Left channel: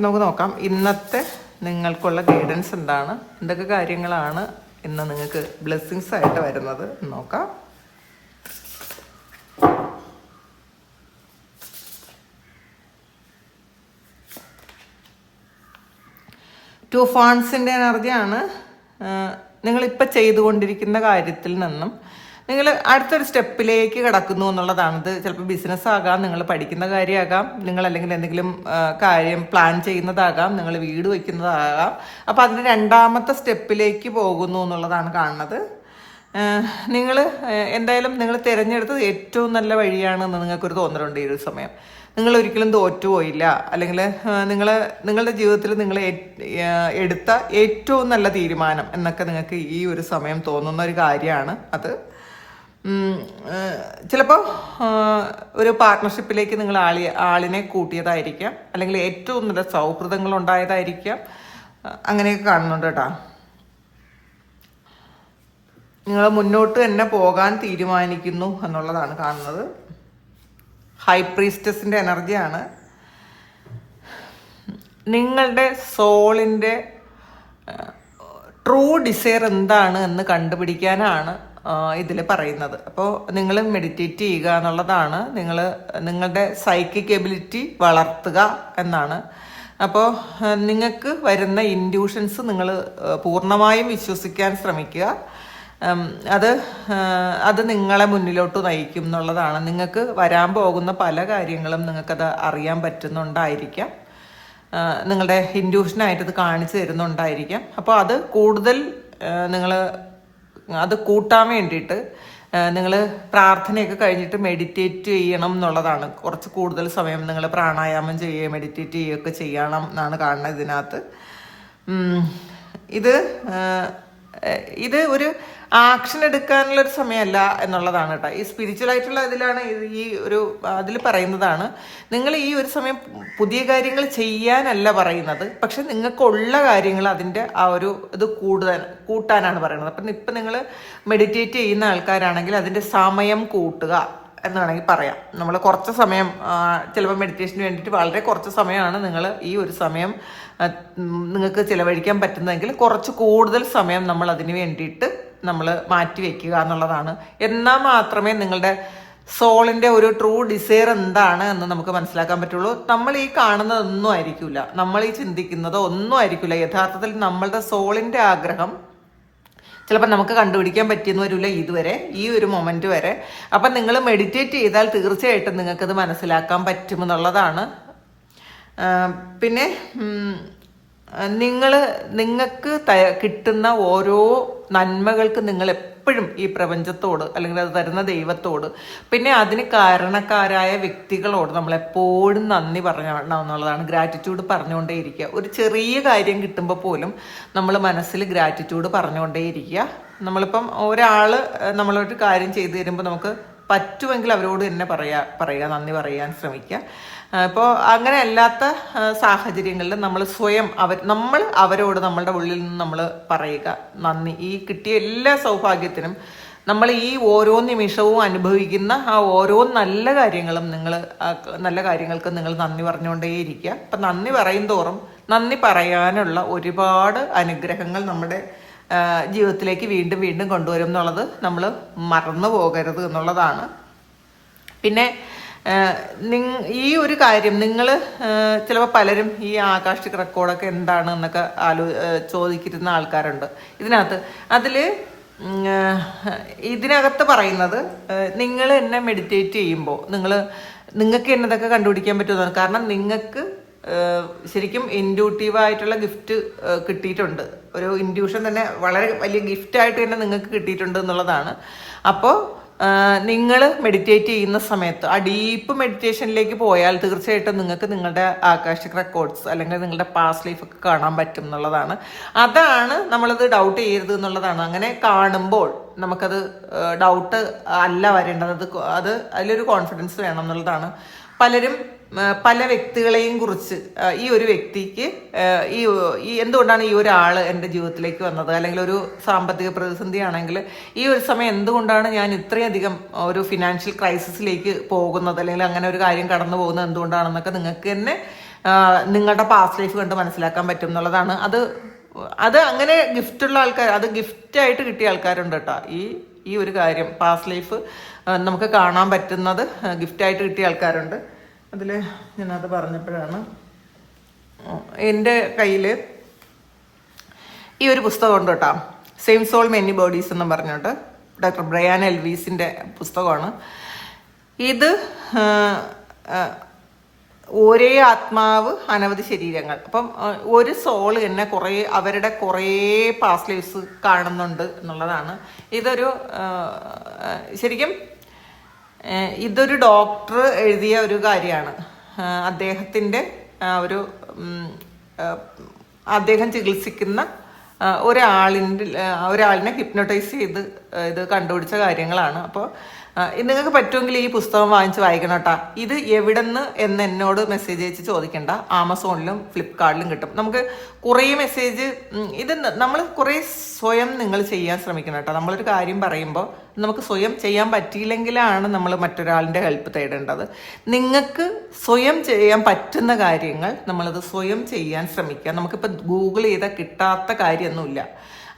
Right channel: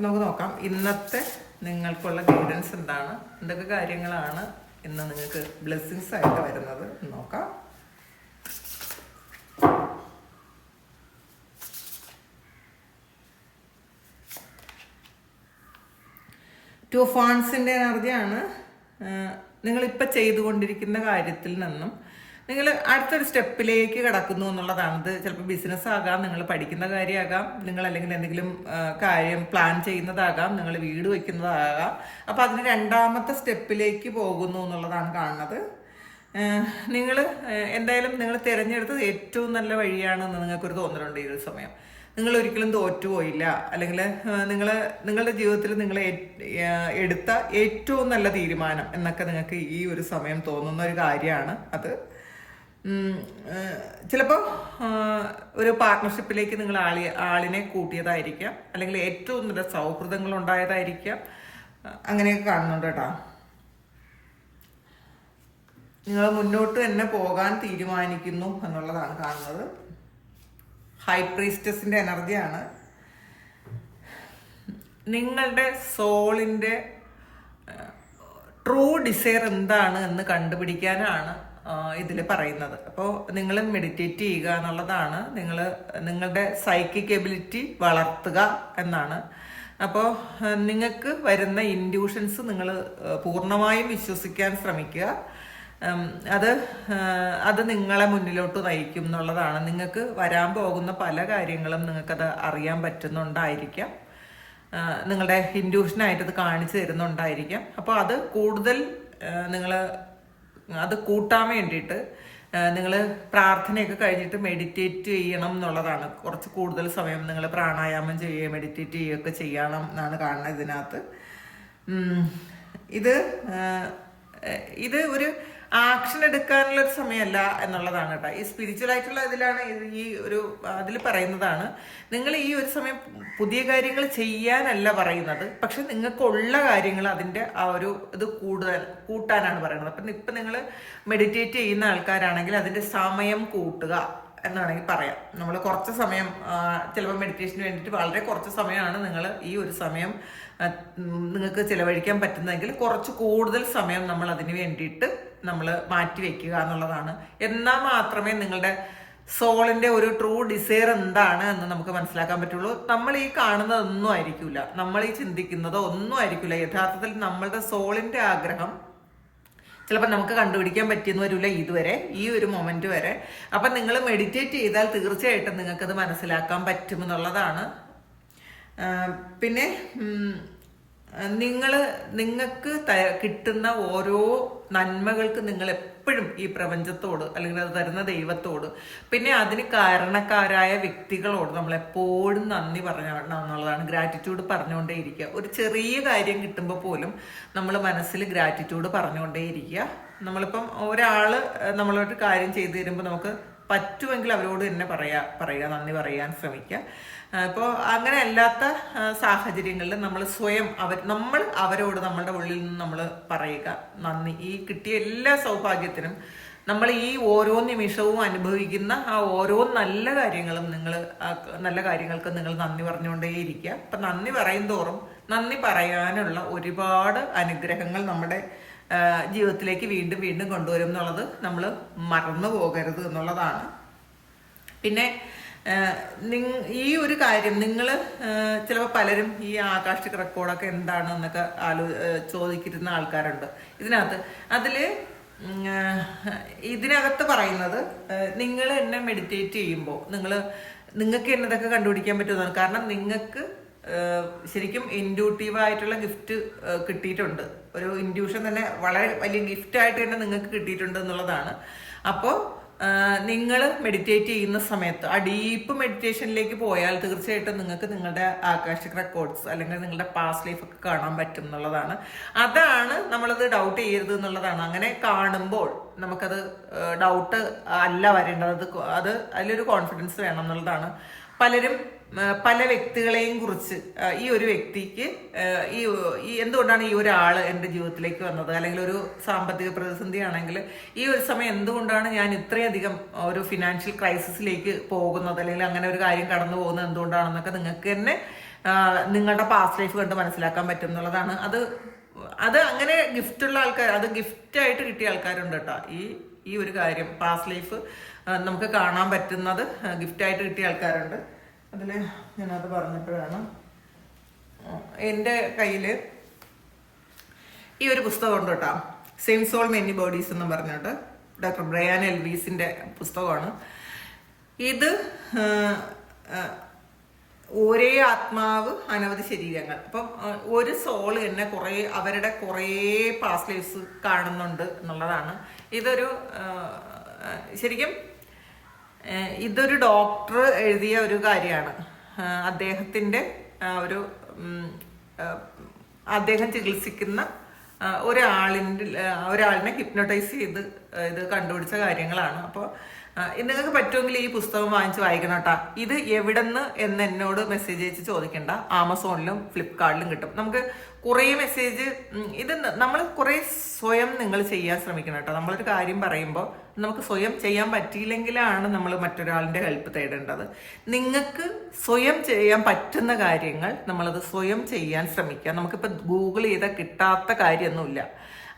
നമുക്ക് നോക്കാം. ഇന്നത്തെ നിങ്ങൾക്കുള്ള ഗൈഡൻസ് എന്താണ്? എന്തൊക്കെ കാര്യങ്ങളാണ് ഇന്ന് നിങ്ങൾക്ക് ബ്ലെസ്സിങ്സ് ആയിട്ട് വരുന്നത്? നോക്കാം. ടു ഫോൺസിന്റെ എനർജിയാണ് നിങ്ങളിപ്പോൾ ചെയ്തുകൊണ്ടിരിക്കുന്ന കാര്യത്തിൽ നിന്നും നിങ്ങൾ അടുത്തൊരു സ്റ്റെപ്പിലേക്ക് കിടക്കുന്നു എന്നുള്ളതാണ്. ഇത് ചിലപ്പോൾ ബിസിനസ് ആകാം നിങ്ങൾ പഠിക്കുന്ന കാര്യമാകാം നിങ്ങൾ അല്ലെങ്കിൽ എന്തെങ്കിലും കാര്യം പ്ലാൻ ചെയ്യുന്നതാകാം നിങ്ങൾ വീട് വയ്ക്കുന്നതാകാം. അപ്പോൾ അതിന് രണ്ടാമത്തെ സ്റ്റെപ്പിലേക്ക് പോകുന്നു എന്നുള്ളതാണ് കാണുന്നത്. നിങ്ങൾ എന്തായാലും നിങ്ങൾ തിരഞ്ഞെടുത്തത് ഏറ്റവും നല്ല വഴിയാണെന്ന് നിങ്ങൾക്കൊരു തോന്നലുണ്ട് ഈ ഒരു സമയം. നിങ്ങൾ ഒരിക്കലും തോറ്റുപോയില്ല അല്ലെങ്കിൽ നിങ്ങൾ നിങ്ങളുടെ ജീവിതത്തിൽ നിങ്ങൾ എടുത്ത ഏറ്റവും നല്ല തീരുമാനം എന്നൊക്കെ നിങ്ങൾക്ക് ഈ ഒരു സമയം തോന്നുന്ന ഒരു കാര്യമാണ് അത്. ചിലപ്പോൾ ഒരു പാർട്ട്ണർഷിപ്പിലേക്ക് നിങ്ങൾ ആളി ആളിനെ കൂട്ടിയതായിരിക്കാം. അല്ലെങ്കിൽ ഏറ്റവും നല്ല സൗഹൃദങ്ങൾ ഉണ്ടായതായിരിക്കാം. അങ്ങനെയൊക്കെ കാണുന്നുണ്ട് കേട്ടോ. നിങ്ങൾ മുന്നോട്ട് തന്നെ പോകാൻ തീരുമാനിക്കുന്നു എന്നുള്ളതാണ് കാണുന്നത്. ഹൈ പ്രീസ്റ്റസിന്റെ എനർജിയാണ് നിങ്ങളുടെ സോളിന്റെ ട്രൂ ഡിസയർ എന്താണ് എന്ന് കണ്ടുപിടിക്കാനാണ് ഇതിൽ പറയുന്നത്. അപ്പോൾ നിങ്ങൾ മെഡിറ്റേറ്റ് ചെയ്യുക എന്നുള്ളതാണ് നിങ്ങൾ നിങ്ങളുടെ സൈക്കിക് എബിലിറ്റി വളർത്തുക എന്നാണ്. അപ്പോൾ നിങ്ങൾക്ക് വരുന്ന ഇൻഡ്യൂഷൻസ് നിങ്ങൾ പൂർണമായും വിശ്വസിക്കാൻ ശ്രമിക്കുക. അത് അത് നിങ്ങളെ മുന്നിലോട്ട് നയിക്കും എന്നുള്ളതാണ്. നിങ്ങൾക്ക് വരാൻ പോകുന്ന പല കാര്യങ്ങളും നിങ്ങൾക്കത് അറിയാൻ പറ്റുന്നുണ്ടായിരിക്കാം. നിങ്ങളുടെ ഇൻഡ്യൂഷനായിട്ട് ഇത് കാണിച്ചു തരുന്നുണ്ടായിരിക്കാം. അപ്പോൾ അത് കൂടുതൽ നിങ്ങൾ അത് കൂട്ടാൻ വേണ്ടിയിട്ട് നിങ്ങൾ പ്രാർത്ഥനയൊക്കെ കഴിഞ്ഞിട്ട് മെഡിറ്റേറ്റ് ചെയ്യണം എന്നുള്ളതാണ്. കുറച്ച് കൂടുതൽ സമയം നിങ്ങൾ പ്രാണായാമം ചെയ്യുക മെഡിറ്റേറ്റ് ചെയ്യുകയൊക്കെ ചെയ്യണം എന്നാണ് കാണുന്നത് ഇതിനകത്ത്. ഇത് ഇത് ഒരു ആക്ഷൻ എടുക്കാനുള്ള ഒരു സമയമല്ല എന്നുള്ളതാണ് കേട്ടോ. ഈ സ്പിരിച്വൽ ആയിട്ടുള്ള ഇതിലാണ് ഈ ഒരു അതിൽ പറയുന്നതാണ്. നിങ്ങൾ ഈ ഒരു സമയം പുതിയ കാര്യങ്ങൾ ചെയ്യാനല്ല പറയുന്നത്. പക്ഷെ നിങ്ങൾക്കുള്ള കാര്യങ്ങൾ അതിന്റെ ആ ഒരു ഇത് കൂടുതൽ കൂട്ടാനാണ് പറയുന്നത്. അപ്പം ഇപ്പം നിങ്ങൾ മെഡിറ്റേറ്റ് ചെയ്യുന്ന ആൾക്കാരാണെങ്കിൽ അതിന്റെ സമയം കൂട്ടുക എന്ന് വേണമെങ്കിൽ പറയാം. നമ്മൾ കുറച്ച് സമയം ചിലപ്പോൾ മെഡിറ്റേഷന് വേണ്ടിയിട്ട് വളരെ കുറച്ച് സമയമാണ് നിങ്ങൾ ഈ ഒരു സമയം നിങ്ങൾക്ക് ചിലവഴിക്കാൻ പറ്റുന്നതെങ്കിൽ കുറച്ച് കൂടുതൽ സമയം നമ്മൾ അതിന് വേണ്ടിയിട്ട് നമ്മൾ മാറ്റി വയ്ക്കുക എന്നുള്ളതാണ്. എന്നാൽ മാത്രമേ നിങ്ങളുടെ സോളിന്റെ ഒരു ട്രൂ ഡിസയർ എന്താണ് എന്ന് നമുക്ക് മനസ്സിലാക്കാൻ പറ്റുള്ളൂ. നമ്മൾ ഈ കാണുന്നതൊന്നും ആയിരിക്കില്ല നമ്മൾ ഈ ചിന്തിക്കുന്നതോ ഒന്നും ആയിരിക്കില്ല യഥാർത്ഥത്തിൽ നമ്മളുടെ സോളിന്റെ ആഗ്രഹം ചിലപ്പോൾ നമുക്ക് കണ്ടുപിടിക്കാൻ പറ്റിയെന്ന് വരില്ല ഇതുവരെ ഈ ഒരു മൊമെന്റ് വരെ. അപ്പം നിങ്ങൾ മെഡിറ്റേറ്റ് ചെയ്താൽ തീർച്ചയായിട്ടും നിങ്ങൾക്കത് മനസ്സിലാക്കാൻ പറ്റുമെന്നുള്ളതാണ്. പിന്നെ നിങ്ങൾ നിങ്ങൾക്ക് കിട്ടുന്ന ഓരോ നന്മകൾക്ക് നിങ്ങൾ എപ്പോഴും ഈ പ്രപഞ്ചത്തോട് അല്ലെങ്കിൽ അത് തരുന്ന ദൈവത്തോട് പിന്നെ അതിന് കാരണക്കാരായ വ്യക്തികളോട് നമ്മൾ എപ്പോഴും നന്ദി പറയണം എന്നുള്ളതാണ്. ഗ്രാറ്റിറ്റ്യൂഡ് പറഞ്ഞുകൊണ്ടേയിരിക്കുക. ഒരു ചെറിയ കാര്യം കിട്ടുമ്പോൾ പോലും നമ്മൾ മനസ്സിൽ ഗ്രാറ്റിറ്റ്യൂഡ് പറഞ്ഞുകൊണ്ടേയിരിക്കുക. നമ്മളിപ്പം ഒരാൾ നമ്മളൊരു കാര്യം ചെയ്തു തരുമ്പോൾ നമുക്ക് പറ്റുമെങ്കിൽ അവരോട് തന്നെ പറയാ പറയുക നന്ദി പറയാൻ ശ്രമിക്കുക. ഇപ്പോൾ അങ്ങനെ അല്ലാത്ത സാഹചര്യങ്ങളിൽ നമ്മൾ സ്വയം അവർ നമ്മൾ അവരോട് നമ്മളുടെ ഉള്ളിൽ നിന്ന് നമ്മൾ പറയുക നന്ദി. ഈ കിട്ടിയ എല്ലാ സൗഭാഗ്യത്തിനും നമ്മൾ ഈ ഓരോ നിമിഷവും അനുഭവിക്കുന്ന ആ ഓരോ നല്ല കാര്യങ്ങളും നിങ്ങൾ നല്ല കാര്യങ്ങൾക്ക് നിങ്ങൾ നന്ദി പറഞ്ഞുകൊണ്ടേയിരിക്കുക. അപ്പം നന്ദി പറയും തോറും നന്ദി പറയാനുള്ള ഒരുപാട് അനുഗ്രഹങ്ങൾ നമ്മുടെ ജീവിതത്തിലേക്ക് വീണ്ടും വീണ്ടും കൊണ്ടുവരും എന്നുള്ളത് നമ്മൾ മറന്നു പോകരുത് എന്നുള്ളതാണ്. പിന്നെ ഈ ഒരു കാര്യം നിങ്ങൾ ചിലപ്പോൾ പലരും ഈ ആകാശിക് റെക്കോർഡൊക്കെ എന്താണ് എന്നൊക്കെ ആലോ ചോദിക്കുന്ന ആൾക്കാരുണ്ട്. ഇതിനകത്ത് അതിൽ ഇതിനകത്ത് പറയുന്നത് നിങ്ങൾ എന്നെ മെഡിറ്റേറ്റ് ചെയ്യുമ്പോൾ നിങ്ങൾ നിങ്ങൾക്ക് എന്നെ ഇതൊക്കെ കണ്ടുപിടിക്കാൻ പറ്റുമോ കാരണം നിങ്ങൾക്ക് ശരിക്കും ഇൻഡ്യൂട്ടീവായിട്ടുള്ള ഗിഫ്റ്റ് കിട്ടിയിട്ടുണ്ട്. ഒരു ഇൻഡ്യൂഷൻ തന്നെ വളരെ വലിയ ഗിഫ്റ്റായിട്ട് തന്നെ നിങ്ങൾക്ക് കിട്ടിയിട്ടുണ്ട് എന്നുള്ളതാണ്. അപ്പോൾ നിങ്ങൾ മെഡിറ്റേറ്റ് ചെയ്യുന്ന സമയത്ത് ആ ഡീപ്പ് മെഡിറ്റേഷനിലേക്ക് പോയാൽ തീർച്ചയായിട്ടും നിങ്ങൾക്ക് നിങ്ങളുടെ ആകാശിക് റെക്കോർഡ്സ് അല്ലെങ്കിൽ നിങ്ങളുടെ പാസ്റ്റ് ലൈഫൊക്കെ കാണാൻ പറ്റും എന്നുള്ളതാണ്. അതാണ് നമ്മളത് ഡൗട്ട് ചെയ്യരുത് എന്നുള്ളതാണ്. അങ്ങനെ കാണുമ്പോൾ നമുക്കത് ഡൗട്ട് അല്ല വരേണ്ടത്. അത് അതിലൊരു കോൺഫിഡൻസ് വേണം എന്നുള്ളതാണ്. പലരും പല വ്യക്തികളെയും കുറിച്ച് ഈ ഒരു വ്യക്തിക്ക് ഈ ഈ എന്തുകൊണ്ടാണ് ഈ ഒരാൾ എന്റെ ജീവിതത്തിലേക്ക് വന്നത്? അല്ലെങ്കിൽ ഒരു സാമ്പത്തിക പ്രതിസന്ധി ആണെങ്കിൽ ഈ ഒരു സമയം എന്തുകൊണ്ടാണ് ഞാൻ ഇത്രയധികം ഒരു ഫിനാൻഷ്യൽ ക്രൈസിസിലേക്ക് പോകുന്നത്? അല്ലെങ്കിൽ അങ്ങനെ ഒരു കാര്യം കടന്നു പോകുന്നത് എന്തുകൊണ്ടാണെന്നൊക്കെ നിങ്ങൾക്ക് തന്നെ നിങ്ങളുടെ പാസ്റ്റ് ലൈഫ് കണ്ട് മനസ്സിലാക്കാൻ പറ്റും എന്നുള്ളതാണ്. അത് അത് അങ്ങനെ ഗിഫ്റ്റുള്ള ആൾക്കാർ അത് ഗിഫ്റ്റായിട്ട് കിട്ടിയ ആൾക്കാരുണ്ട് കേട്ടോ. ഈ ഈ ഒരു കാര്യം പാസ്റ്റ് ലൈഫ് നമുക്ക് കാണാൻ പറ്റുന്നത് ഗിഫ്റ്റായിട്ട് കിട്ടിയ ആൾക്കാരുണ്ട്. അതിൽ ഞാനത് പറഞ്ഞപ്പോഴാണ്. എന്റെ കയ്യിൽ ഈ ഒരു പുസ്തകം ഉണ്ട് കേട്ടോ. സെയിം സോൾ മെനി ബോഡീസ് എന്ന് പറഞ്ഞോട്ട്. ഡോക്ടർ ബ്രയാൻ എൽവീസിന്റെ പുസ്തകമാണ്. ഇത് ഒരേ ആത്മാവ് അനവധി ശരീരങ്ങൾ. അപ്പം ഒരു സോൾ തന്നെ കുറേ അവരുടെ കുറേ പാസ്റ്റ് ലൈഫ്സ് കാണുന്നുണ്ട് എന്നുള്ളതാണ്. ഇതൊരു ശരിക്കും ഇതൊരു ഡോക്ടർ എഴുതിയ ഒരു കാര്യമാണ്. അദ്ദേഹത്തിന്റെ ഒരു അദ്ദേഹം ചികിത്സിക്കുന്ന ഒരാളിന്റെ ഒരാളിനെ ഹിപ്നോട്ടൈസ് ചെയ്ത് ഇത് കണ്ടുപിടിച്ച കാര്യങ്ങളാണ്. അപ്പോൾ നിങ്ങൾക്ക് പറ്റുമെങ്കിൽ ഈ പുസ്തകം വാങ്ങിച്ച് വായിക്കണം കേട്ടോ ഇത് എവിടെന്ന് എന്ന് എന്നോട് മെസ്സേജ് അയച്ച് ചോദിക്കണ്ട. ആമസോണിലും ഫ്ലിപ്കാർട്ടിലും കിട്ടും. നമുക്ക് കുറേ മെസ്സേജ് ഇത് നമ്മൾ കുറേ സ്വയം നിങ്ങൾ ചെയ്യാൻ ശ്രമിക്കണം കേട്ടോ നമ്മളൊരു കാര്യം പറയുമ്പോൾ നമുക്ക് സ്വയം ചെയ്യാൻ പറ്റിയില്ലെങ്കിലാണ് നമ്മൾ മറ്റൊരാളിന്റെ ഹെൽപ്പ് തേടേണ്ടത്. നിങ്ങൾക്ക് സ്വയം ചെയ്യാൻ പറ്റുന്ന കാര്യങ്ങൾ നമ്മളത് സ്വയം ചെയ്യാൻ ശ്രമിക്കുക നമുക്കിപ്പോൾ ഗൂഗിൾ ചെയ്താൽ കിട്ടാത്ത കാര്യമൊന്നുമില്ല.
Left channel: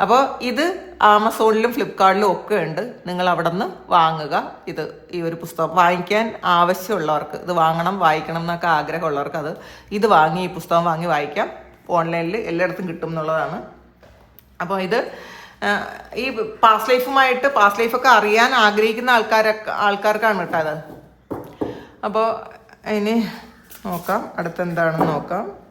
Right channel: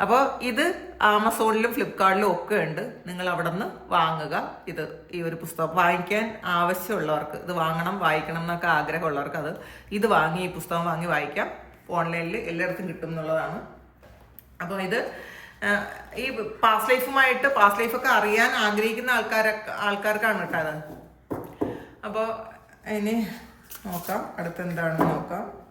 അപ്പോൾ ഇത് ആമസോണിലും ഫ്ലിപ്കാർട്ടിലും ഒക്കെ ഉണ്ട്. നിങ്ങൾ അവിടെ നിന്ന് വാങ്ങുക. ഇത് ഈ ഒരു പുസ്തകം വാങ്ങിക്കാൻ ആവശ്യമുള്ളവർക്ക് ഇത് വാങ്ങണം വായിക്കണം എന്നൊക്കെ ആഗ്രഹമുള്ളവർക്ക് അത് ഇത് വാങ്ങി ഈ പുസ്തകം വാങ്ങി വായിക്കാം. ഓൺലൈനിൽ എല്ലായിടത്തും കിട്ടും എന്നുള്ളതാണ്. അപ്പോൾ ഇത് ഈ പാസ്റ്റ് ലൈഫുമായിട്ട് പാസ്റ്റ് ലൈഫൊക്കെ അറിയാൻ ആഗ്രഹിക്കുന്ന ആൾക്കാരൊക്കെ ആൾക്കാർക്കാണ് കേട്ടോ അത് അപ്പോൾ ഇനി നോക്കാം. അടുത്തെന്താണെന്ന് നോക്കാം.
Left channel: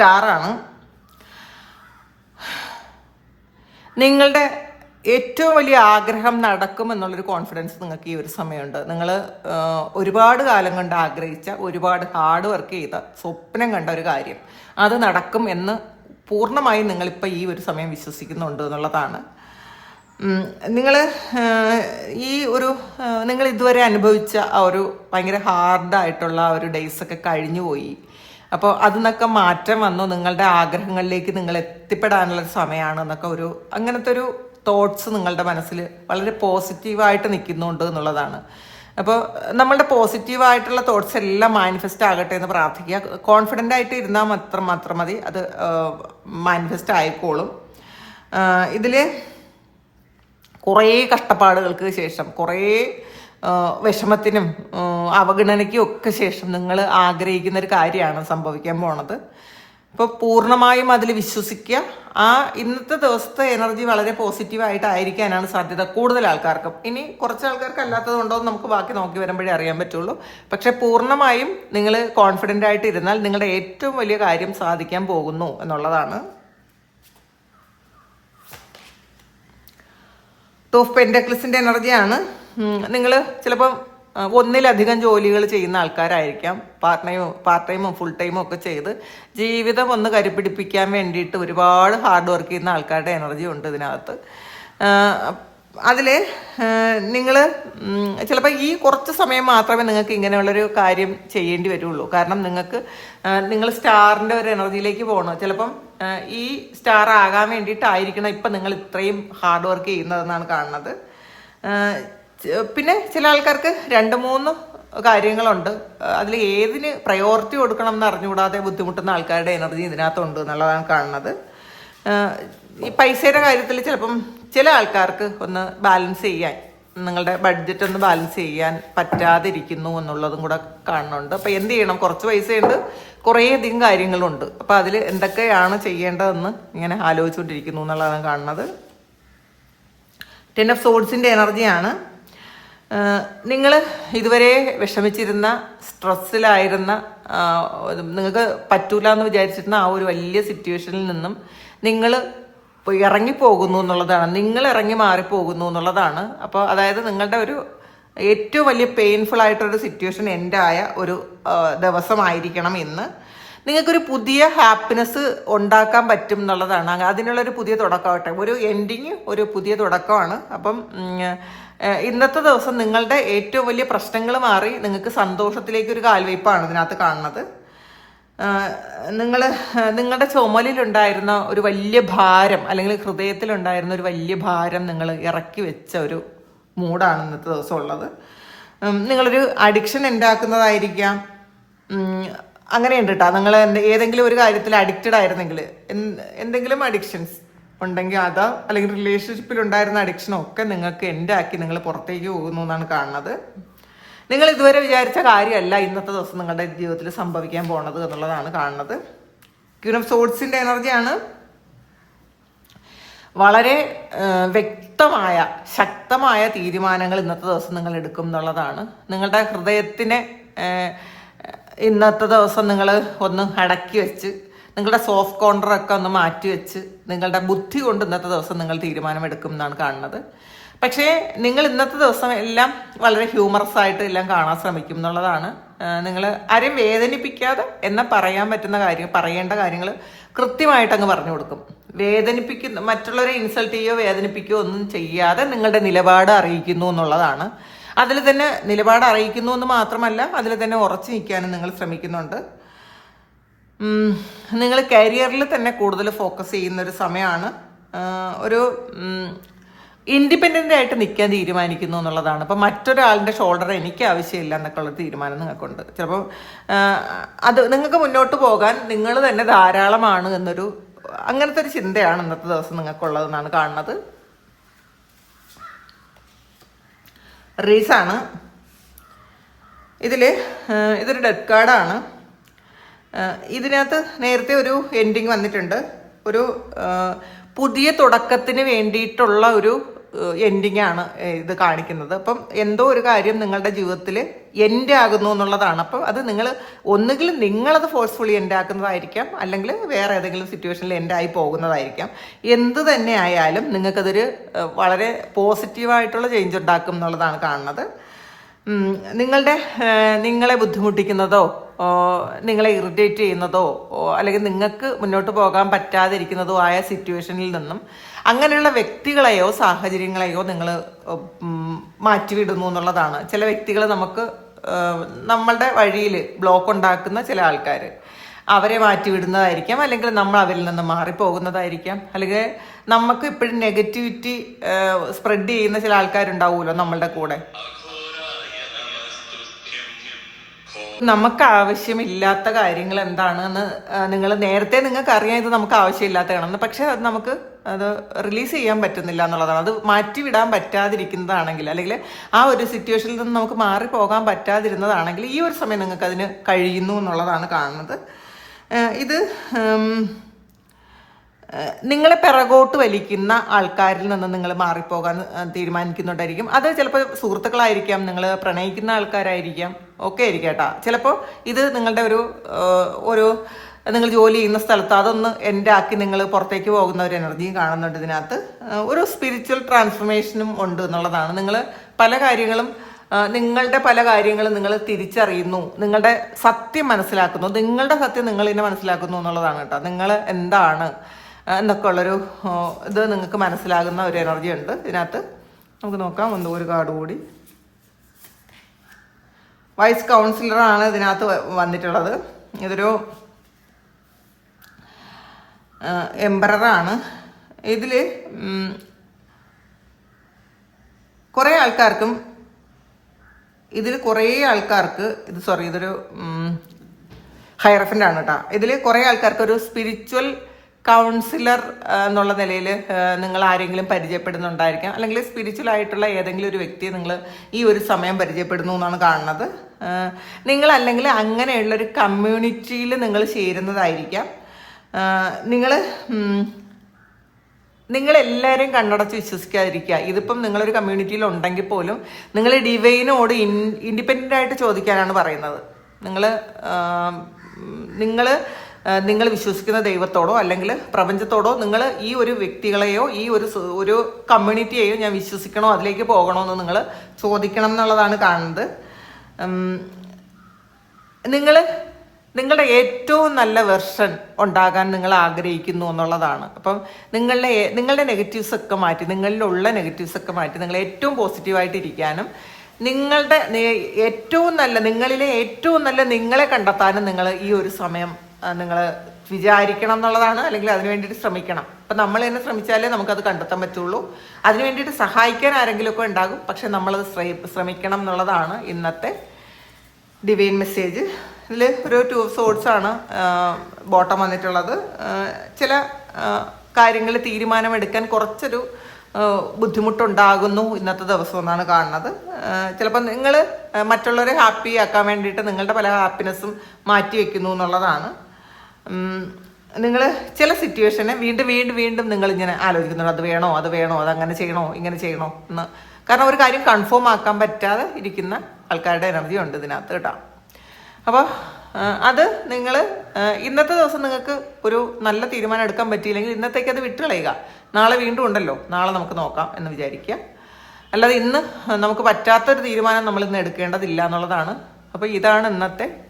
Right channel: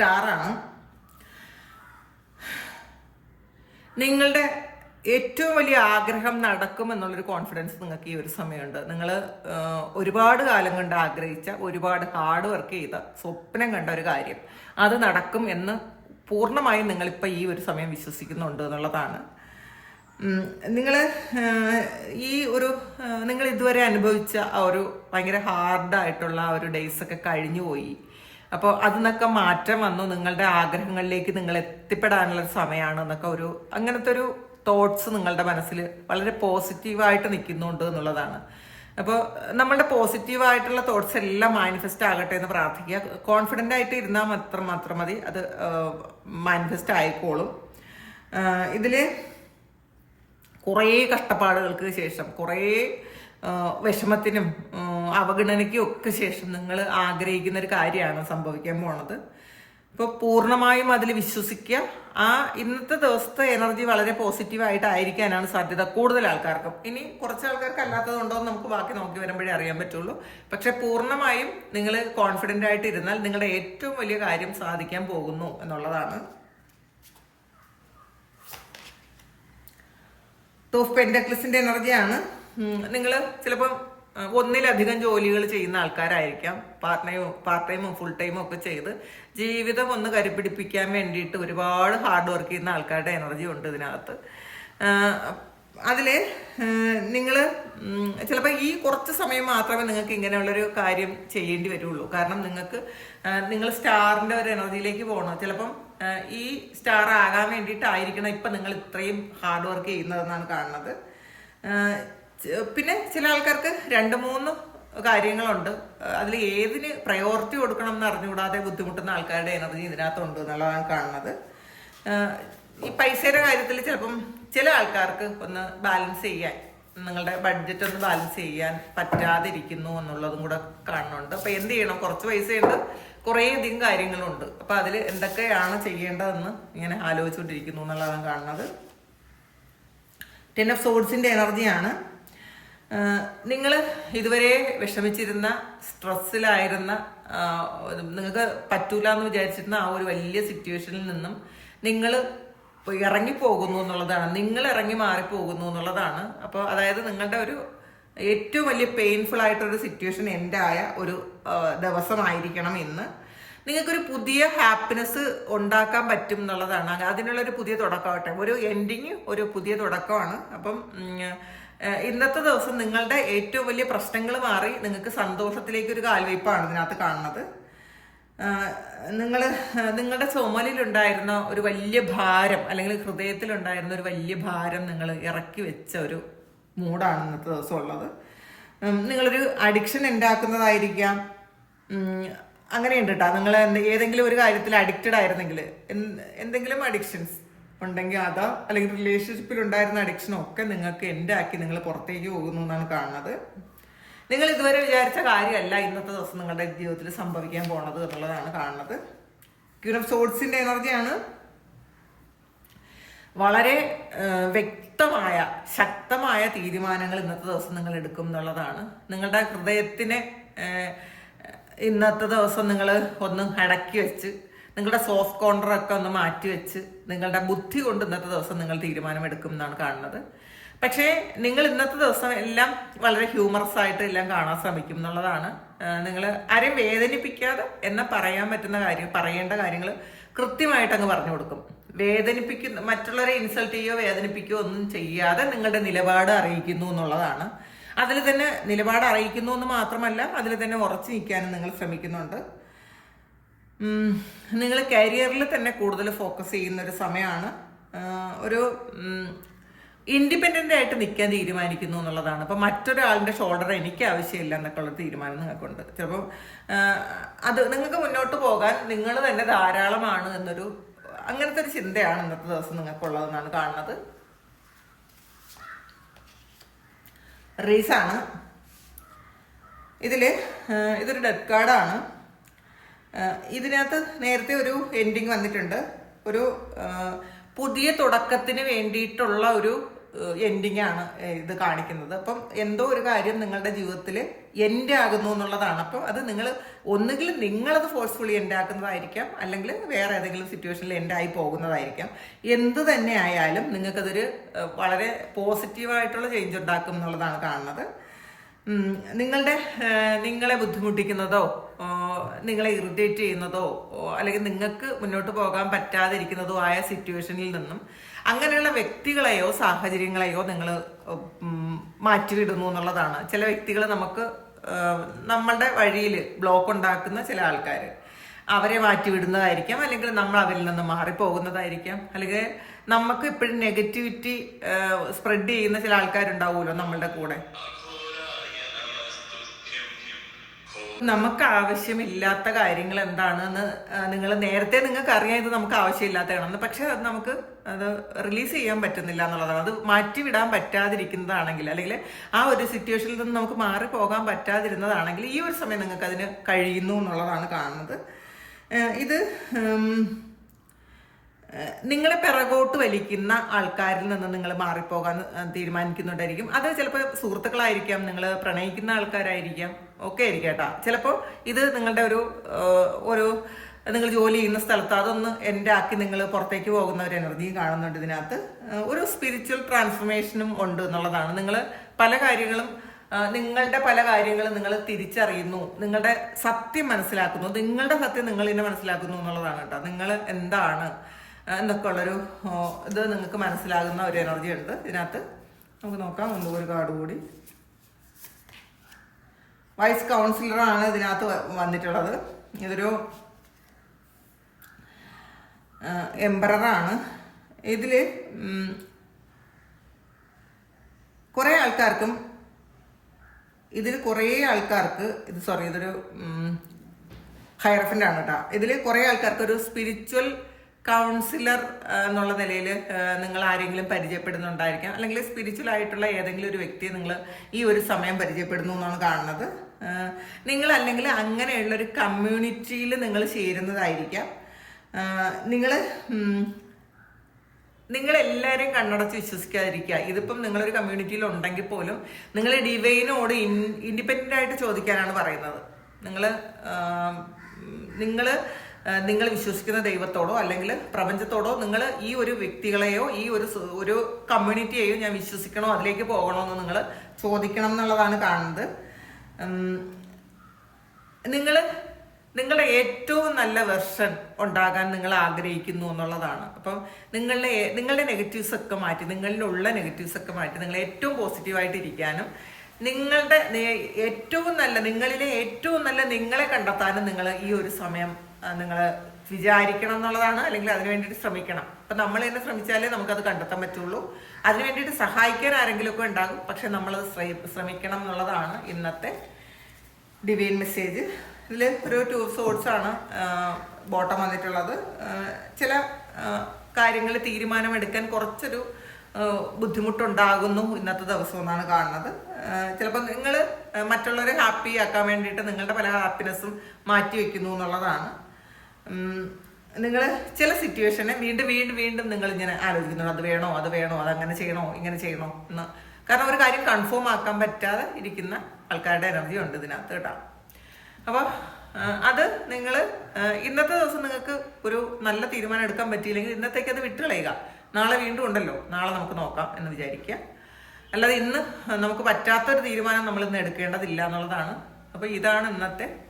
സ്റ്റാറാണ്. നിങ്ങളുടെ ഏറ്റവും വലിയ ആഗ്രഹം നടക്കും എന്നുള്ളൊരു കോൺഫിഡൻസ് നിങ്ങൾക്ക് ഈ ഒരു സമയമുണ്ട്. നിങ്ങൾ ഒരുപാട് കാലം കൊണ്ട് ആഗ്രഹിച്ച ഒരുപാട് ഹാർഡ് വർക്ക് ചെയ്ത സ്വപ്നം കണ്ട ഒരു കാര്യം. അത് നടക്കും എന്ന് പൂർണമായും നിങ്ങളിപ്പോൾ ഈ ഒരു സമയം വിശ്വസിക്കുന്നുണ്ട് എന്നുള്ളതാണ്. നിങ്ങൾ ഈ ഒരു നിങ്ങൾ ഇതുവരെ അനുഭവിച്ച ആ ഒരു ഭയങ്കര ഹാർഡായിട്ടുള്ള ആ ഒരു ഡേയ്സൊക്കെ കഴിഞ്ഞു പോയി അപ്പോൾ അതിന്നൊക്കെ മാറ്റം വന്നു. നിങ്ങളുടെ ആഗ്രഹങ്ങളിലേക്ക് നിങ്ങൾ എത്തിപ്പെടാനുള്ള സമയമാണ് എന്നൊക്കെ ഒരു അങ്ങനത്തെ ഒരു തോട്ട്സ് നിങ്ങളുടെ മനസ്സിൽ വളരെ പോസിറ്റീവായിട്ട് നിൽക്കുന്നുണ്ട് എന്നുള്ളതാണ്. അപ്പോൾ നമ്മളുടെ പോസിറ്റീവായിട്ടുള്ള തോട്ട്സ് എല്ലാം മാനിഫെസ്റ്റ് ആകട്ടെ എന്ന് പ്രാർത്ഥിക്കുക. കോൺഫിഡന്റ് ആയിട്ട് ഇരുന്നാൽ മാത്രം മാത്രം മതി. അത് മാനിഫെസ്റ്റ് ആയിക്കോളും. ഇതിൽ കുറേ കഷ്ടപ്പാടുകൾക്ക് ശേഷം കുറേ വിഷമത്തിനും അവഗണനയ്ക്കും ഒക്കെ ശേഷം നിങ്ങൾ ആഗ്രഹിക്കുന്ന ഒരു കാര്യമാണ് സംഭവിക്കാൻ പോണത്. അപ്പോൾ പൂർണമായും അതിൽ വിശ്വസിക്കുക. ആ ഇന്നത്തെ ദിവസത്തെ എനർജി വളരെ പോസിറ്റീവായിട്ടായിരിക്കാനാണ് സാധ്യത കൂടുതൽ ആൾക്കാർക്കും. ഇനി കുറച്ച് ആൾക്കാർക്ക് അല്ലാത്തത് ഉണ്ടോ എന്ന് നമുക്ക് ബാക്കി നോക്കി വരുമ്പോഴേ അറിയാൻ പറ്റുള്ളൂ. പക്ഷെ പൂർണമായും നിങ്ങൾ കോൺഫിഡന്റ് ആയിട്ട് ഇരുന്നാൽ നിങ്ങളുടെ ഏറ്റവും വലിയ കാര്യം സാധിക്കാൻ പോകുന്നു എന്നുള്ളതാണ്. ടോഫ് പെൻഡക്ലിസിന്റെ എനർജിയാണ് നിങ്ങൾ ചിലപ്പം ഒന്നിലധികം ജോലികൾ ചെയ്യുന്ന ആൾക്കാരായിരിക്കാം. പാർട്ട് ടൈമും പാർട്ട് ടൈമും ഫുൾ ടൈമും ഒക്കെ ചെയ്ത് ജീവിതം ഒന്ന് കരുപിടിപ്പിക്കാൻ വേണ്ടിയിട്ട് ഒരുപാട് ഹാർഡ് വർക്ക് ചെയ്യുന്ന ആൾക്കാരുടെ എനർജി ഉണ്ട് ഇതിനകത്ത്. അതിൽ നിങ്ങൾ ചിലപ്പോൾ ഈ കുറച്ച് സമയം മാത്രമേ നിങ്ങൾക്ക് ഇങ്ങനെയുള്ളൊരു കാര്യം ചെയ്യേണ്ടി വരുള്ളൂ. കാരണം നിങ്ങൾക്ക് നിങ്ങൾ സ്റ്റാറിന്റെ ഒരു എനർജിയിലേക്ക് പോകണം. ചിലപ്പം ഈ സ്റ്റാർ ആകാൻ വേണ്ടിയിട്ടായിരിക്കണം ഇപ്പം നിങ്ങൾ ഇത്രയും ഹാർഡ് വർക്ക് ചെയ്യുന്നതെന്നാണ് കാണുന്നത്. പിന്നെ ചില ആൾക്കാർക്ക് രണ്ട് മൂന്ന് കാര്യങ്ങളുണ്ട്. അതിൽ ഏതിന് പ്രയോറിറ്റി കൊടുക്കണം എന്ന് അറിഞ്ഞുകൂടാതെ ബുദ്ധിമുട്ടുന്ന ആൾക്കാരുടെ എനർജി ഇതിനകത്തുണ്ട് എന്നുള്ളതാണ് കാണുന്നത്. ഈ പൈസയുടെ കാര്യത്തിൽ ചിലപ്പം ചില ആൾക്കാർക്ക് ഒന്ന് ബാലൻസ് ചെയ്യാൻ നിങ്ങളുടെ ബഡ്ജറ്റ് ഒന്ന് ബാലൻസ് ചെയ്യാൻ പറ്റാതിരിക്കുന്നു എന്നുള്ളതും കൂടെ കാണുന്നുണ്ട്. അപ്പോൾ എന്ത് ചെയ്യണം? കുറച്ച് പൈസയുണ്ട് കുറേയധികം കാര്യങ്ങളുണ്ട്. അപ്പോൾ അതിൽ എന്തൊക്കെയാണ് ചെയ്യേണ്ടതെന്ന് ഇങ്ങനെ ആലോചിച്ചുകൊണ്ടിരിക്കുന്നു എന്നുള്ളതാണ് കാണുന്നത്. ടെൻ ഓഫ് സോഡ്സിന്റെ എനർജിയാണ് നിങ്ങൾ ഇതുവരെ വിഷമിച്ചിരുന്ന സ്ട്രെസ്സിലായിരുന്ന നിങ്ങൾക്ക് പറ്റൂല എന്ന് വിചാരിച്ചിരുന്ന ആ ഒരു വലിയ സിറ്റുവേഷനിൽ നിന്നും നിങ്ങൾ ഇറങ്ങിപ്പോകുന്നു എന്നുള്ളതാണ്. നിങ്ങൾ ഇറങ്ങി മാറിപ്പോകുന്നു എന്നുള്ളതാണ്. അപ്പോൾ അതായത് നിങ്ങളുടെ ഒരു ഏറ്റവും വലിയ പെയിൻഫുൾ ആയിട്ടൊരു സിറ്റുവേഷൻ എൻഡായ ഒരു ദിവസമായിരിക്കണം ഇന്ന്. നിങ്ങൾക്കൊരു പുതിയ ഹാപ്പിനെസ് ഉണ്ടാക്കാൻ പറ്റും എന്നുള്ളതാണ്. അതിനുള്ളൊരു പുതിയ തുടക്കമാകട്ടെ ഒരു എൻഡിങ് ഒരു പുതിയ തുടക്കമാണ്. അപ്പം ഇന്നത്തെ ദിവസം നിങ്ങളുടെ ഏറ്റവും വലിയ പ്രശ്നങ്ങൾ മാറി നിങ്ങൾക്ക് സന്തോഷത്തിലേക്ക് ഒരു കാൽവയ്പ്പാണ് ഇതിനകത്ത് കാണുന്നത്. നിങ്ങൾ നിങ്ങളുടെ ചുമലിലുണ്ടായിരുന്ന ഒരു വലിയ ഭാരം അല്ലെങ്കിൽ ഹൃദയത്തിലുണ്ടായിരുന്ന ഒരു വലിയ ഭാരം നിങ്ങൾ ഇറക്കി വെച്ച ഒരു മൂഡാണ് ഇന്നത്തെ ദിവസം ഉള്ളത്. നിങ്ങളൊരു അഡിക്ഷൻ ഉണ്ടാക്കുന്നതായിരിക്കാം. അങ്ങനെയുണ്ട് കേട്ടോ നിങ്ങൾ ഏതെങ്കിലും ഒരു കാര്യത്തിൽ അഡിക്റ്റഡ് ആയിരുന്നെങ്കിൽ എന്ത്- എന്തെങ്കിലും അഡിക്ഷൻസ് ഉണ്ടെങ്കിൽ അത് അല്ലെങ്കിൽ റിലേഷൻഷിപ്പിൽ ഉണ്ടായിരുന്ന അഡിക്ഷനോ ഒക്കെ നിങ്ങൾക്ക് എന്റെ ആക്കി നിങ്ങൾ പുറത്തേക്ക് പോകുന്നു എന്നാണ് കാണുന്നത്. നിങ്ങൾ ഇതുവരെ വിചാരിച്ച കാര്യമല്ല ഇന്നത്തെ ദിവസം നിങ്ങളുടെ ജീവിതത്തിൽ സംഭവിക്കാൻ പോണത് എന്നുള്ളതാണ് കാണുന്നത്. ക്യൂൻ ഓഫ് സോഴ്സിന്റെ എനർജിയാണ് വളരെ വ്യക്തമായ ശക്തമായ തീരുമാനങ്ങൾ ഇന്നത്തെ ദിവസം നിങ്ങൾ എടുക്കും എന്നുള്ളതാണ്. നിങ്ങളുടെ ഹൃദയത്തിനെ ഇന്നത്തെ ദിവസം നിങ്ങൾ ഒന്ന് അടക്കി വെച്ച് നിങ്ങളുടെ സോഫ്റ്റ് കോർണറൊക്കെ ഒന്ന് മാറ്റി വെച്ച് നിങ്ങളുടെ ബുദ്ധി കൊണ്ട് ഇന്നത്തെ ദിവസം നിങ്ങൾ തീരുമാനമെടുക്കും എന്നാണ് കാണുന്നത്. പക്ഷേ നിങ്ങൾ ഇന്നത്തെ ദിവസം എല്ലാം വളരെ ഹ്യൂമറസ് ആയിട്ട് എല്ലാം കാണാൻ ശ്രമിക്കും എന്നുള്ളതാണ്. നിങ്ങൾ ആരെയും വേദനിപ്പിക്കാതെ എന്ന പറയാൻ പറ്റുന്ന കാര്യം പറയേണ്ട കാര്യങ്ങൾ കൃത്യമായിട്ട് അങ്ങ് പറഞ്ഞു കൊടുക്കും. വേദനിപ്പിക്കുന്ന മറ്റുള്ളവരെ ഇൻസൾട്ട് ചെയ്യുകയോ വേദനിപ്പിക്കുകയോ ഒന്നും ചെയ്യാതെ നിങ്ങളുടെ നിലപാട് അറിയിക്കുന്നു എന്നുള്ളതാണ്. അതിൽ തന്നെ നിലപാട് അറിയിക്കുന്നു എന്ന് മാത്രമല്ല അതിൽ തന്നെ ഉറച്ചു നിൽക്കാനും നിങ്ങൾ ശ്രമിക്കുന്നുണ്ട്. നിങ്ങൾ കരിയറിൽ തന്നെ കൂടുതൽ ഫോക്കസ് ചെയ്യുന്ന ഒരു സമയമാണ്. ഒരു ഇൻഡിപെൻഡന്റ് ആയിട്ട് നിൽക്കാൻ തീരുമാനിക്കുന്നു എന്നുള്ളതാണ്. അപ്പം മറ്റൊരാളുടെ ഷോൾഡർ എനിക്ക് ആവശ്യമില്ല എന്നൊക്കെയുള്ള തീരുമാനം നിങ്ങൾക്കുണ്ട്. ചിലപ്പോൾ അത് നിങ്ങൾക്ക് മുന്നോട്ട് പോകാൻ നിങ്ങൾ തന്നെ ധാരാളമാണ് എന്നൊരു അങ്ങനത്തെ ഒരു ചിന്തയാണ് ഇന്നത്തെ ദിവസം നിങ്ങൾക്കുള്ളതെന്നാണ് കാണുന്നത്. റീസാണ് ഇതിൽ ഇതൊരു ഡെത്ത് കാർഡാണ് ഇതിനകത്ത് നേരത്തെ ഒരു എൻഡിങ് വന്നിട്ടുണ്ട്. ഒരു പുതിയ തുടക്കത്തിന് വേണ്ടിയിട്ടുള്ള ഒരു എൻഡിങ് ആണ് ഇത് കാണിക്കുന്നത്. അപ്പം എന്തോ ഒരു കാര്യം നിങ്ങളുടെ ജീവിതത്തിൽ എൻഡ് ആകുന്നു എന്നുള്ളതാണ്. അപ്പം അത് നിങ്ങൾ ഒന്നുകിൽ നിങ്ങളത് ഫോഴ്സ്ഫുള്ളി എൻഡ് ആക്കുന്നതായിരിക്കാം അല്ലെങ്കിൽ വേറെ ഏതെങ്കിലും സിറ്റുവേഷനിൽ എൻഡ് ആയി പോകുന്നതായിരിക്കാം. എന്ത് തന്നെ ആയാലും നിങ്ങൾക്കതൊരു വളരെ പോസിറ്റീവായിട്ടുള്ള ചേഞ്ച് ഉണ്ടാക്കും എന്നുള്ളതാണ് കാണുന്നത്. നിങ്ങളുടെ നിങ്ങളെ ബുദ്ധിമുട്ടിക്കുന്നതോ നിങ്ങളെ ഇറിറ്റേറ്റ് ചെയ്യുന്നതോ അല്ലെങ്കിൽ നിങ്ങൾക്ക് മുന്നോട്ട് പോകാൻ പറ്റാതിരിക്കുന്നതോ ആയ സിറ്റുവേഷനിൽ നിന്നും അങ്ങനെയുള്ള വ്യക്തികളെയോ സാഹചര്യങ്ങളെയോ നിങ്ങൾ മാറ്റിവിടുന്നു എന്നുള്ളതാണ്. ചില വ്യക്തികൾ നമുക്ക് നമ്മളുടെ വഴിയിൽ ബ്ലോക്ക് ഉണ്ടാക്കുന്ന ചില ആൾക്കാർ അവരെ മാറ്റിവിടുന്നതായിരിക്കാം അല്ലെങ്കിൽ നമ്മൾ അവരിൽ നിന്ന് മാറിപ്പോകുന്നതായിരിക്കാം. അല്ലെങ്കിൽ നമുക്ക് ഇപ്പോഴും നെഗറ്റിവിറ്റി സ്പ്രെഡ് ചെയ്യുന്ന ചില ആൾക്കാരുണ്ടാവുമല്ലോ നമ്മളുടെ കൂടെ. നമുക്ക് ആവശ്യമില്ലാത്ത കാര്യങ്ങൾ എന്താണെന്ന് നിങ്ങൾ നേരത്തെ നിങ്ങൾക്ക് അറിയാം ഇത് നമുക്ക് ആവശ്യമില്ലാത്തതാണെന്ന് പക്ഷെ അത് നമുക്ക് അത് റിലീസ് ചെയ്യാൻ പറ്റുന്നില്ല എന്നുള്ളതാണ്. അത് മാറ്റിവിടാൻ പറ്റാതിരിക്കുന്നതാണെങ്കിൽ അല്ലെങ്കിൽ ആ ഒരു സിറ്റുവേഷനിൽ നിന്ന് നമുക്ക് മാറി പോകാൻ പറ്റാതിരുന്നതാണെങ്കിൽ ഈ ഒരു സമയം നിങ്ങൾക്ക് അതിന് കഴിയുന്നു എന്നുള്ളതാണ് കാണുന്നത്. ഇത് നിങ്ങളെ പിറകോട്ട് വലിക്കുന്ന ആൾക്കാരിൽ നിന്ന് നിങ്ങൾ മാറിപ്പോകാൻ തീരുമാനിക്കുന്നുണ്ടായിരിക്കും. അത് ചിലപ്പോൾ സുഹൃത്തുക്കളായിരിക്കാം നിങ്ങൾ പ്രണയിക്കുന്ന ആൾക്കാരായിരിക്കാം ഒക്കെ ആയിരിക്കും കേട്ടോ. ചിലപ്പോൾ ഇത് നിങ്ങളുടെ ഒരു ഒരു നിങ്ങൾ ജോലി ചെയ്യുന്ന സ്ഥലത്ത് അതൊന്ന് എന്റെ ആക്കി നിങ്ങൾ പുറത്തേക്ക് പോകുന്ന ഒരു എനർജി കാണുന്നുണ്ട് ഇതിനകത്ത്. ഒരു സ്പിരിച്വൽ ട്രാൻസ്ഫർമേഷനും ഉണ്ട് എന്നുള്ളതാണ്. നിങ്ങൾ പല കാര്യങ്ങളും നിങ്ങളുടെ പല കാര്യങ്ങളും നിങ്ങൾ തിരിച്ചറിയുന്നു നിങ്ങളുടെ സത്യം മനസ്സിലാക്കുന്നു നിങ്ങളുടെ സത്യം നിങ്ങൾ തന്നെ മനസ്സിലാക്കുന്നു എന്നുള്ളതാണ് കേട്ടോ. നിങ്ങൾ എന്താണ് എന്നൊക്കെ ഉള്ളൊരു ഇത് നിങ്ങൾക്ക് മനസ്സിലാകുന്ന ഒരു എനർജി ഉണ്ട്. ഇതിനകത്ത് നമുക്ക് നോക്കാം. ഒന്ന് ഒരു കാർഡ് കൂടി. വൈസ് കൗൺസിലറാണ് ഇതിനകത്ത് വന്നിട്ടുള്ളത്. ഇതൊരു എംബററാണ് ഇതിൽ കുറേ ആൾക്കാർക്കും ഇതിൽ കുറേ ആൾക്കാർക്ക് ഇത് സോറി ഇതൊരു ഹൈറഫന്റ് ആണ് കേട്ടോ ഇതിൽ കുറേ ആൾക്കാർക്ക് ഒരു സ്പിരിച്വൽ കൗൺസിലർ എന്നുള്ള നിലയിൽ നിങ്ങൾ ആരെങ്കിലും പരിചയപ്പെടുന്നുണ്ടായിരിക്കാം. അല്ലെങ്കിൽ സ്പിരിച്വൽ ആയിട്ടുള്ള ഏതെങ്കിലും ഒരു വ്യക്തിയെ നിങ്ങൾ ഈ ഒരു സമയം പരിചയപ്പെടുന്നു എന്നാണ് കാണുന്നത്. നിങ്ങൾ അല്ലെങ്കിൽ അങ്ങനെയുള്ള ഒരു കമ്മ്യൂണിറ്റിയിൽ നിങ്ങൾ ചേരുന്നതായിരിക്കാം. നിങ്ങൾ നിങ്ങൾ എല്ലാവരെയും കണ്ണടച്ച് വിശ്വസിക്കാതിരിക്കുക. ഇതിപ്പം നിങ്ങളൊരു കമ്മ്യൂണിറ്റിയിൽ ഉണ്ടെങ്കിൽ പോലും നിങ്ങൾ ഡിവൈനോട് ഇൻ ഇൻഡിപെൻഡന്റ് ആയിട്ട് ചോദിക്കാനാണ് പറയുന്നത്. നിങ്ങൾ നിങ്ങൾ നിങ്ങൾ വിശ്വസിക്കുന്ന ദൈവത്തോടോ അല്ലെങ്കിൽ പ്രപഞ്ചത്തോടോ നിങ്ങൾ ഈ ഒരു വ്യക്തികളെയോ ഈ ഒരു ഒരു കമ്മ്യൂണിറ്റിയെയോ ഞാൻ വിശ്വസിക്കണോ അതിലേക്ക് പോകണോ എന്ന് നിങ്ങൾ ചോദിക്കണം എന്നുള്ളതാണ് കാണുന്നത്. നിങ്ങൾ നിങ്ങളുടെ ഏറ്റവും നല്ല വെർഷൻ ഉണ്ടാകാൻ നിങ്ങൾ ആഗ്രഹിക്കുന്നു എന്നുള്ളതാണ്. അപ്പം നിങ്ങളുടെ നിങ്ങളുടെ നെഗറ്റീവ്സ് ഒക്കെ മാറ്റി നിങ്ങളിലുള്ള നെഗറ്റീവ്സ് ഒക്കെ മാറ്റി നിങ്ങൾ ഏറ്റവും പോസിറ്റീവായിട്ട് ഇരിക്കാനും നിങ്ങളുടെ ഏറ്റവും നല്ല നിങ്ങളിലെ ഏറ്റവും നല്ല നിങ്ങളെ കണ്ടെത്താനും നിങ്ങൾ ഈ ഒരു സമയം നിങ്ങൾ വിചാരിക്കണം എന്നുള്ളതാണ് അല്ലെങ്കിൽ അതിന് വേണ്ടിയിട്ട് ശ്രമിക്കണം. അപ്പം നമ്മൾ തന്നെ ശ്രമിച്ചാലേ നമുക്കത് കണ്ടെത്താൻ പറ്റുള്ളൂ. അതിന് വേണ്ടിയിട്ട് സഹായിക്കാൻ ആരെങ്കിലുമൊക്കെ ഉണ്ടാകും. പക്ഷെ നമ്മളത് ശ്രമി- ശ്രമിക്കണം എന്നുള്ളതാണ് ഇന്നത്തെ ഡിവൈൻ മെസ്സേജ് ഇതിൽ ഒരു ടു സോഡ്സ് ആണ് ബോട്ടം വന്നിട്ടുള്ളത്. ചില കാര്യങ്ങൾ തീരുമാനമെടുക്കാൻ കുറച്ചൊരു ബുദ്ധിമുട്ടുണ്ടാകുന്നു ഇന്നത്തെ ദിവസം എന്നാണ് കാണുന്നത്. ചിലപ്പോൾ നിങ്ങൾ മറ്റുള്ളവരെ ഹാപ്പി ആക്കാൻ വേണ്ടിയിട്ട് നിങ്ങളുടെ പല ഹാപ്പിനെസ്സും മാറ്റി വെക്കുന്നു എന്നുള്ളതാണ്. നിങ്ങൾ ചില സിറ്റുവേഷനെ വീണ്ടും വീണ്ടും വീണ്ടും നിങ്ങൾ ഇങ്ങനെ ആലോചിക്കുന്നുണ്ട്. അത് വേണോ? അത് വേണോ? അത് അങ്ങനെ ചെയ്യണോ? ഇങ്ങനെ ചെയ്യണോ? എന്ന്. കാരണം ഒരു കാര്യം കൺഫേം ആക്കാൻ പറ്റാതെ ഇരിക്കുന്ന ആൾക്കാരുടെ എനർജി ഉണ്ട് ഇതിനകത്ത് കേട്ടോ. അപ്പോൾ അത് നിങ്ങൾ ഇന്നത്തെ ദിവസം നിങ്ങൾക്ക് ഒരു നല്ല തീരുമാനം എടുക്കാൻ പറ്റിയില്ലെങ്കിൽ ഇന്നത്തേക്ക് അത് വിട്ടുകളയുക. നാളെ വീണ്ടും ഉണ്ടല്ലോ. നാളെ നമുക്ക് നോക്കാം എന്ന് വിചാരിക്കുക. അല്ലാതെ ഇന്ന് നമുക്ക് പറ്റാത്തൊരു തീരുമാനം നമ്മൾ ഇന്ന് എടുക്കേണ്ടതില്ല എന്നുള്ളതാണ്. അപ്പോൾ ഇതാണ് ഇന്നത്തെ